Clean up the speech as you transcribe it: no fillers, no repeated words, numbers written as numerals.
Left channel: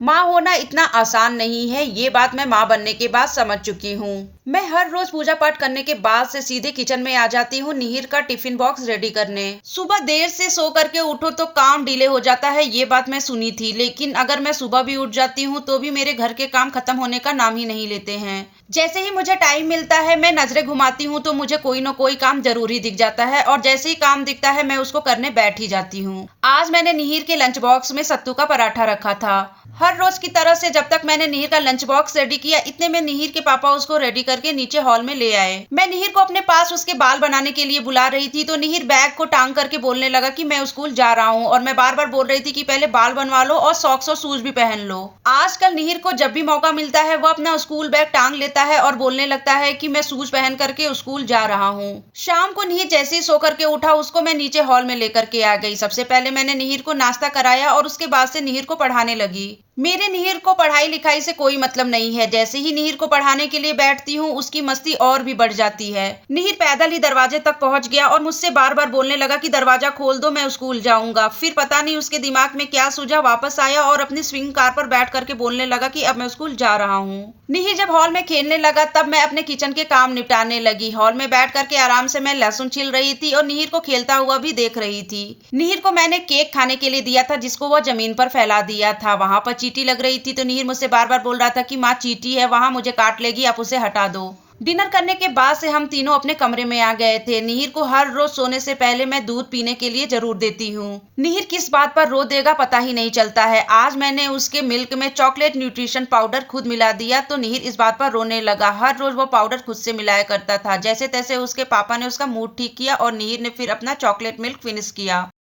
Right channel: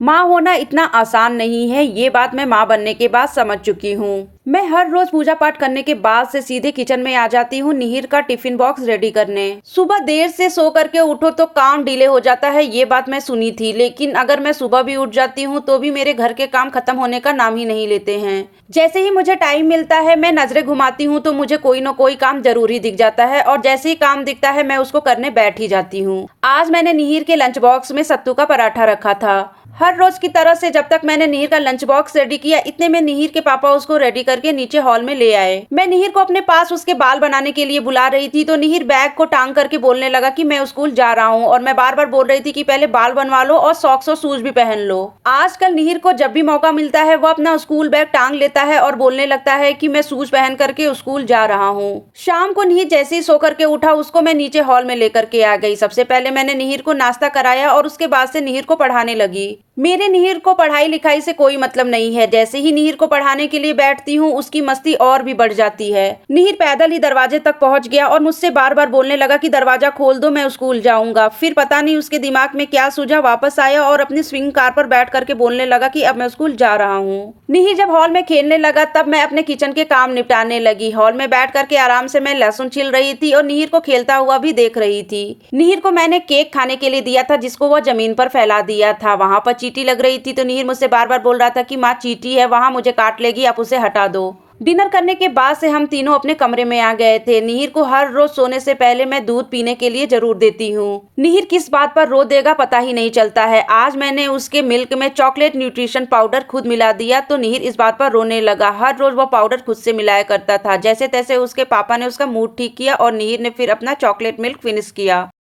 माँ होना इतना आसान नहीं है, ये बात मैं माँ बनने के बाद समझ चुकी हूँ। मैं हर रोज पूजा पाठ करने के बाद से सीधे किचन में आ जाती हूँ निहिर का टिफिन बॉक्स रेडी करने। सुबह देर से सो करके उठो तो काम डिले हो जाता है, ये बात मैं सुनी थी, लेकिन अगर मैं सुबह भी उठ जाती हूँ तो भी मेरे घर के काम खत्म होने का नाम ही नहीं लेते हैं। जैसे ही मुझे टाइम मिलता है मैं नजरें घुमाती हूँ तो मुझे कोई न कोई काम जरूर ही दिख जाता है और जैसे ही काम दिखता है मैं उसको करने बैठ ही जाती हूँ। आज मैंने निहिर के लंच बॉक्स में सत्तू का पराठा रखा था। हर रोज की तरह से जब तक मैंने निहिर का लंच बॉक्स रेडी किया, इतने में निहिर के पापा उसको रेडी करके नीचे हॉल में ले आए। मैं निहिर को अपने पास उसके बाल बनाने के लिए बुला रही थी तो निहिर बैग को टांग करके बोलने लगा कि मैं स्कूल जा रहा हूँ, और मैं बार बार बोल रही थी कि पहले बाल बनवा लो और सॉक्स और शूज भी पहन लो। आजकल निहिर को जब भी मौका मिलता है वो अपना स्कूल बैग टांग लेता है और बोलने लगता है कि मैं शूज पहन करके स्कूल जा रहा हूँ। शाम को निहिर जैसे ही सो करके उठा उसको मैं नीचे हॉल में लेकर के आ गई। सबसे पहले मैंने निहिर को नाश्ता कराया और उसके बाद से निहिर को पढ़ाने लगी। मेरे निहिर को पढ़ाई लिखाई से कोई मतलब नहीं है, जैसे ही निहिर को पढ़ाने के लिए बैठती हूँ उसकी मस्ती और भी बढ़ जाती है। निहिर पैदल ही दरवाजे तक पहुंच गया और मुझसे बार बार बोलने लगा कि दरवाजा खोल दो, मैं स्कूल जाऊंगा। फिर पता नहीं उसके दिमाग में क्या सूझा, वापस आया और अपनी स्विंग कार पर बैठ करके बोलने लगा कि अब मैं स्कूल जा रहा हूँ। निहिर जब हॉल में खेलने लगा तब मैं अपने किचन के काम निपटाने लगी। हॉल में बैठ करके आराम से मैं लहसुन छिल रही थी और निहिर को खेलता हुआ भी देख रही थी। निहिर को मैंने केक खाने के लिए दिया था जिसको वह जमीन पर फैला दिया था। वहां पर चींटी लग रही थी तो निहिर मुझसे बार बार बोल रहा था कि माँ चींटी है वहां, मुझे काट लेगी, आप उसे हटा दो। डिनर करने के बाद से हम तीनों अपने कमरे में आ गए थे। निहिर को हर रोज सोने से पहले मैं दूध पीने के लिए जरूर देती हूँ। निहिर किस बात पर रो देगा पता ही नहीं चलता है। आज मैंने उसके मिल्क में चॉकलेट न्यूट्रिशन पाउडर खुद मिला दिया तो निहिर इस बात पर रोने लगा। हर रोज वो पाउडर खुद से मिलाया करता था। जैसे तैसे उसके पापा ने उसका मूड ठीक किया और निहिर ने फिर अपना चॉकलेट मिल्क फिनिश किया।